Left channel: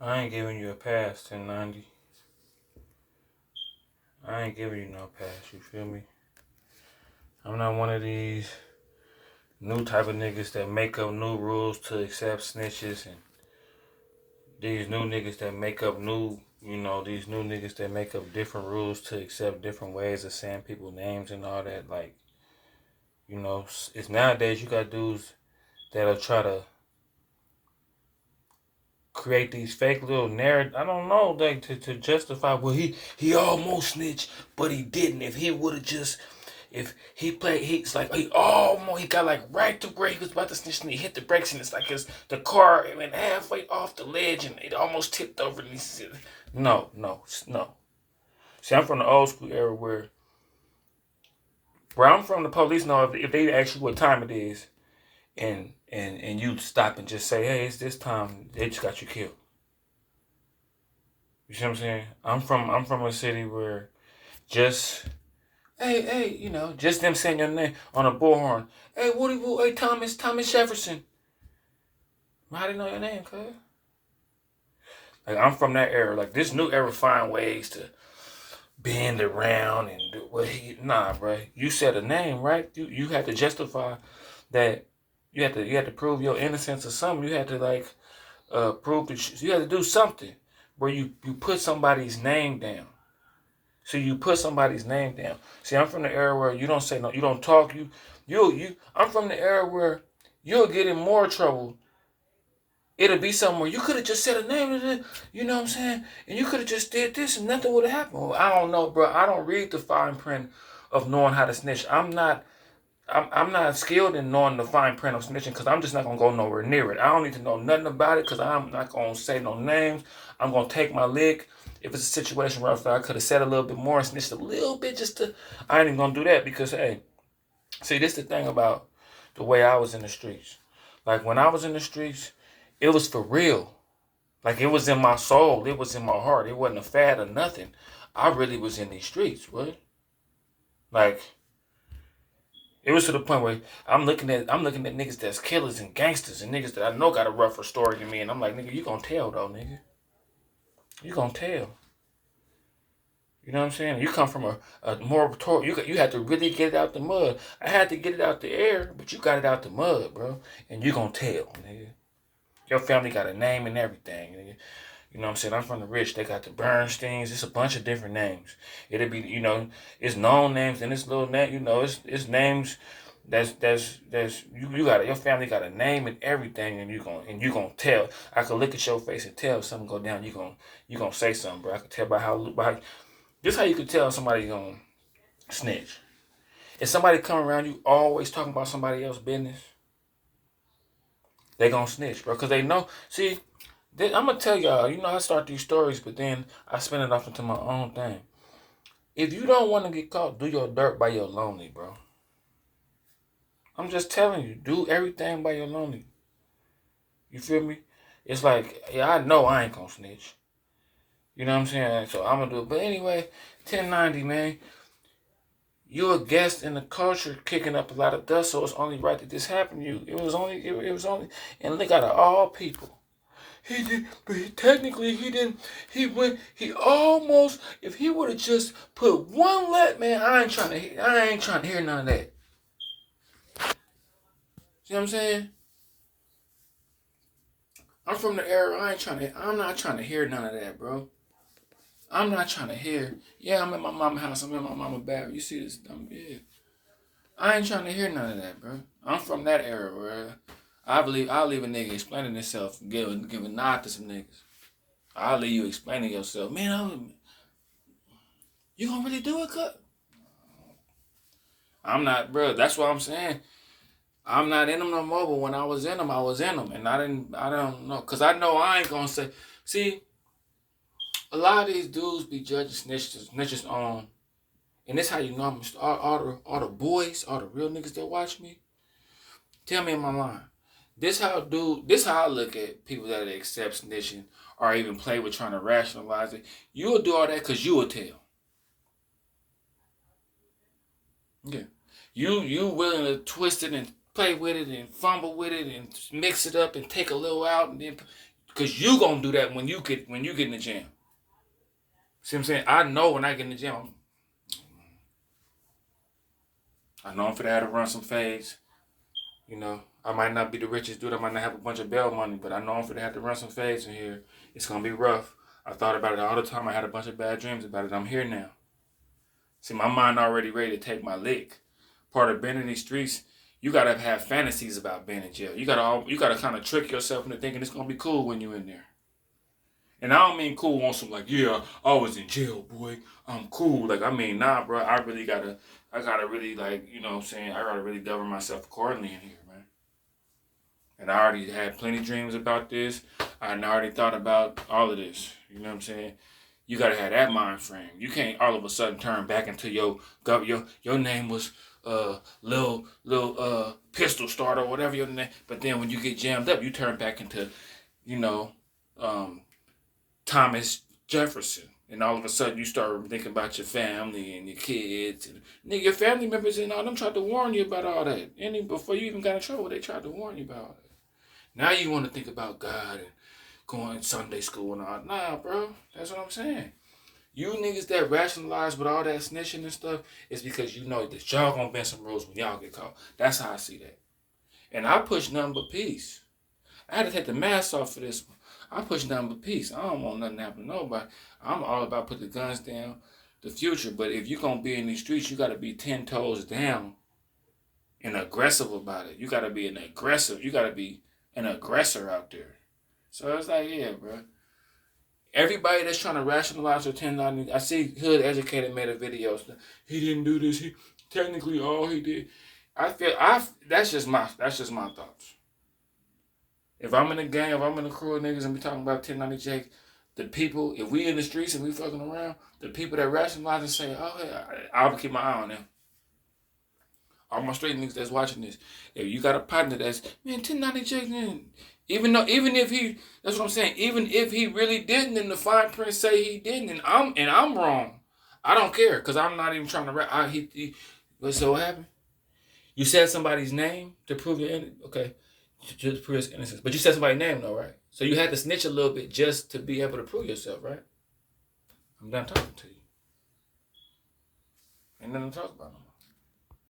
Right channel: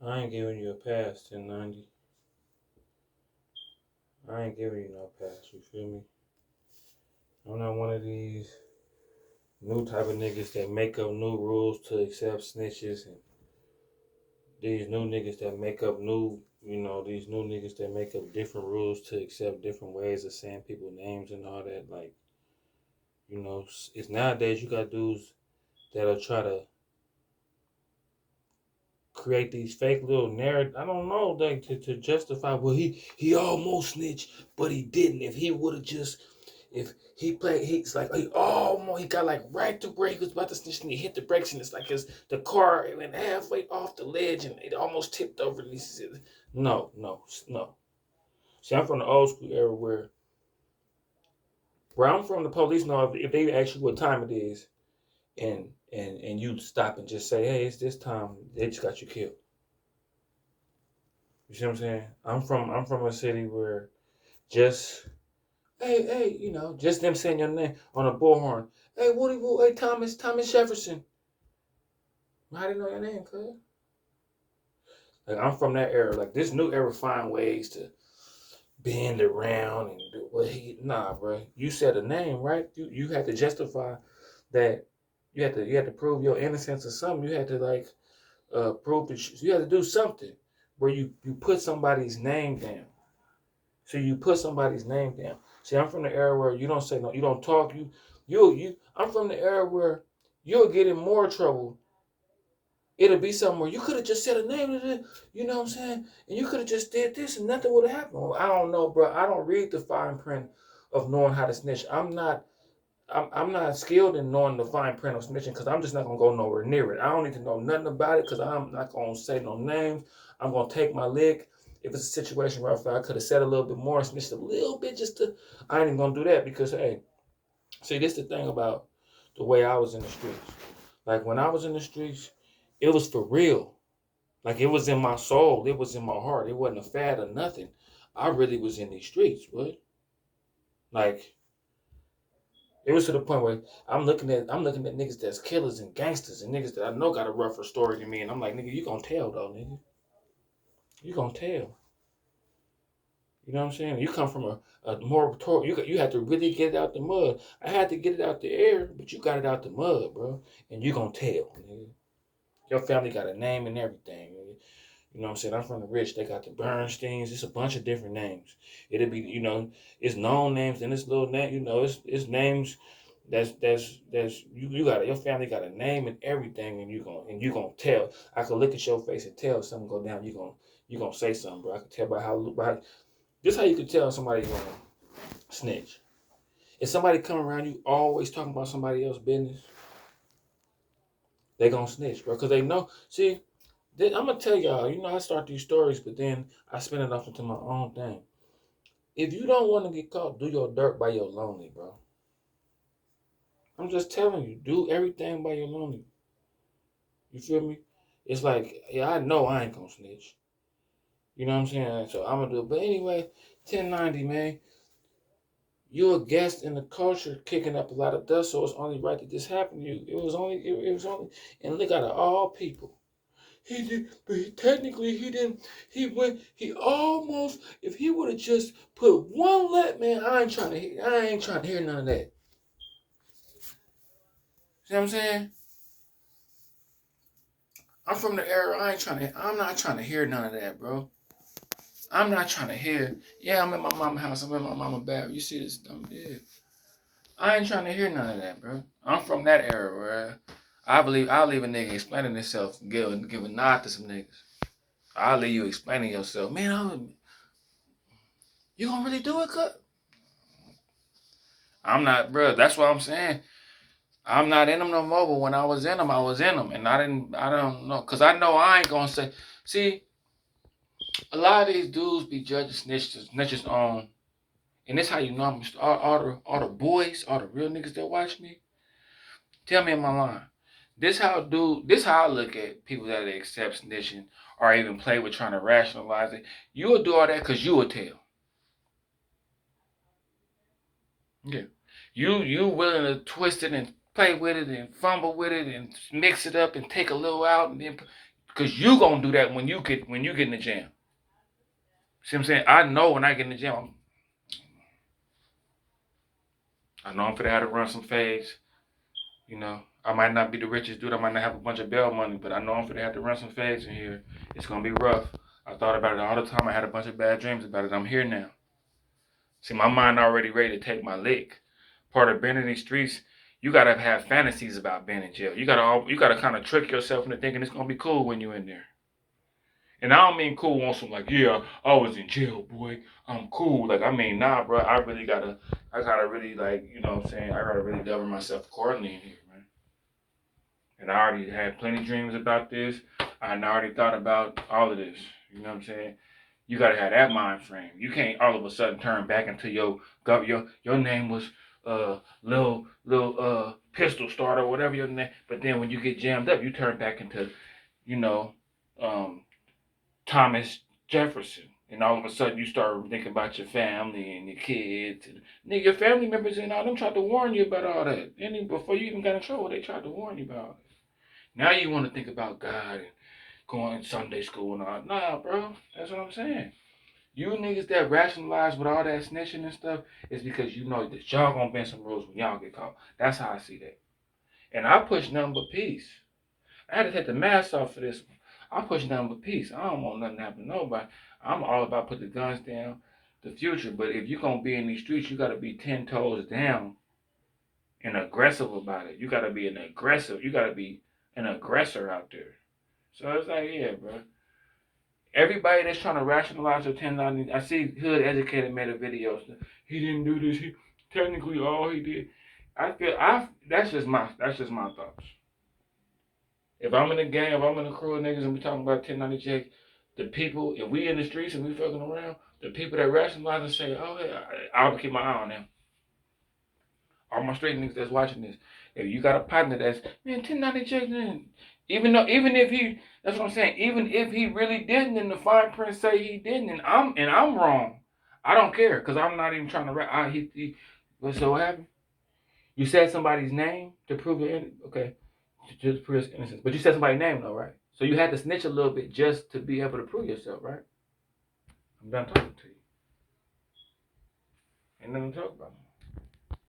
I ain't giving you a pass, 1090. I ain't giving you no pass, you feel me? I'm not one of these new type of niggas that make up new rules to accept snitches and these new niggas that make up these new niggas that make up different rules to accept different ways of saying people's names and all that. Like, it's nowadays you got dudes that'll try to create these fake little narrative. I don't know, like to justify. Well, he almost snitched, but he didn't. If he would have just, if he played, he's like he got like right to where he was about to snitch, and he hit the brakes, and it's like the car went halfway off the ledge, and it almost tipped over. And he said, "No, no, no." See, I'm from the old school era where I'm from. The police know if they ask you what time it is, and you stop and just say, "Hey, it's this time," they just got you killed. You see what I'm saying? I'm from a city where just hey, just them saying your name on a bullhorn. Hey, Woody Woo, hey Thomas Jefferson. How do you know your name, cuz? Like I'm from that era. Like this new era find ways to bend around and do what nah, bro. You said a name, right? You had to justify that you had to prove your innocence or something. You had to like prove that you had to do something where you put somebody's name down. So you put somebody's name down. See, I'm from the era where you don't say no, you don't talk. I'm from the era where you'll get in more trouble. It'll be somewhere you could have just said a name, you know what I'm saying? And you could have just did this and nothing would have happened. Well, I don't know, bro. I don't read the fine print of knowing how to snitch. I'm not skilled in knowing the fine print of snitching because I'm just not gonna go nowhere near it. I don't need to know nothing about it because I'm not gonna say no names. I'm gonna take my lick. If it's a situation where I could have said a little bit more and snitched a little bit I ain't even gonna do that because hey, see this the thing about the way I was in the streets. Like when I was in the streets, it was for real. Like it was in my soul. It was in my heart. It wasn't a fad or nothing. I really was in these streets, what? Like it was to the point where I'm looking at niggas that's killers and gangsters and niggas that I know got a rougher story than me, and I'm like, nigga, you gonna tell though, nigga. You gonna tell. You know what I'm saying? You come from a more you had to really get it out the mud. I had to get it out the air, but you got it out the mud, bro. And you gonna tell, nigga. Your family got a name and everything, nigga. You know what I'm saying? I'm from the rich. They got the Bernsteins. It's a bunch of different names. It'll be, it's known names and it's little name. It's names that's you got your family got a name and everything, and you gonna tell. I could look at your face and tell if something go down. You gonna say something, bro. I could tell by this how you could tell somebody's gonna snitch. If somebody come around you always talking about somebody else's business, they gonna snitch, bro, because they know. See, I'm gonna tell y'all. I start these stories, but then I spin it off into my own thing. If you don't want to get caught, do your dirt by your lonely, bro. I'm just telling you, do everything by your lonely. You feel me? It's like, yeah, I know I ain't gonna snitch. You know what I'm saying? So I'm gonna do it. But anyway, 1090, man. You're a guest in the culture kicking up a lot of dust, so it's only right that this happened to you. It was only, and look out of all people. He did, but technically he didn't. He almost, if he would have just put one man, I ain't trying to hear none of that. See what I'm saying? I'm from the era, I'm not trying to hear none of that, bro. I'm not trying to hear, yeah, I'm at my mama's house, I'm at my mama's bed. You see this dumb, yeah. I ain't trying to hear none of that, bro. I'm from that era where I'll leave a nigga explaining himself, give a nod to some niggas. I'll leave you explaining yourself. Man, you gonna really do it, cut? I'm not, bro. That's what I'm saying. I'm not in them no more. But when I was in them, I was in them, and I don't know, cause I know I ain't gonna say. See, a lot of these dudes be judging snitches on, and this how you know I'm all the boys, all the real niggas that watch me. Tell me in my line. This how I look at people that accept snitching or even play with trying to rationalize it. You will do all that cause you will tell. Yeah. You willing to twist it and play with it and fumble with it and mix it up and take a little out and then Cause you gonna do that when you get in the jam. See what I'm saying? I know when I get in the gym, I know I'm finna have to run some fades. You know, I might not be the richest dude. I might not have a bunch of bail money, but I know I'm finna have to run some fades in here. It's gonna be rough. I thought about it all the time. I had a bunch of bad dreams about it. I'm here now. See, my mind already ready to take my lick. Part of being in these streets, you gotta have fantasies about being in jail. You gotta kind of trick yourself into thinking it's gonna be cool when you're in there. And I don't mean cool on some like, yeah, I was in jail, boy. I'm cool. Like, I mean, nah, bro. I gotta really, like, you know what I'm saying? I gotta really govern myself accordingly in here, man. And I already had plenty of dreams about this. I already thought about all of this. You know what I'm saying? You gotta have that mind frame. You can't all of a sudden turn back into your name was Lil Pistol Starter or whatever your name. But then when you get jammed up, you turn back into, you know, Thomas Jefferson. And all of a sudden you start thinking about your family and your kids. And nigga, your family members and all them tried to warn you about all that. And before you even got in trouble, they tried to warn you about it. Now you want to think about God and going to Sunday school and all. Nah, bro. That's what I'm saying. You niggas that rationalize with all that snitching and stuff is because you know that y'all gonna bend some rules when y'all get caught. That's how I see that. And I push nothing but peace. I had to take the mask off for this one. I push nothing but peace. I don't want nothing to happen to nobody. I'm all about putting the guns down, the future. But if you're going to be in these streets, you got to be 10 toes down and aggressive about it. You got to be an aggressor out there. So it's like, yeah, bro. Everybody that's trying to rationalize their 1090, I see Hood Educated made a video. He didn't do this. He technically all he did. That's just my thoughts. If I'm in a gang, if I'm in a crew of niggas and we talking about 1090 Jake, the people, if we in the streets and we fucking around, the people that rationalize and say, oh, hey, I'll keep my eye on them. All my straight niggas that's watching this, if you got a partner that's, man, 1090 Jake, man, even if he, that's what I'm saying, even if he really didn't and the fine print say he didn't and I'm wrong, I don't care because I'm not even trying to rap. Let's say what happened? You said somebody's name to prove your okay. Just prove his innocence. But you said somebody's name though, right? So you had to snitch a little bit just to be able to prove yourself, right? I'm done talking to you. Ain't nothing to talk about.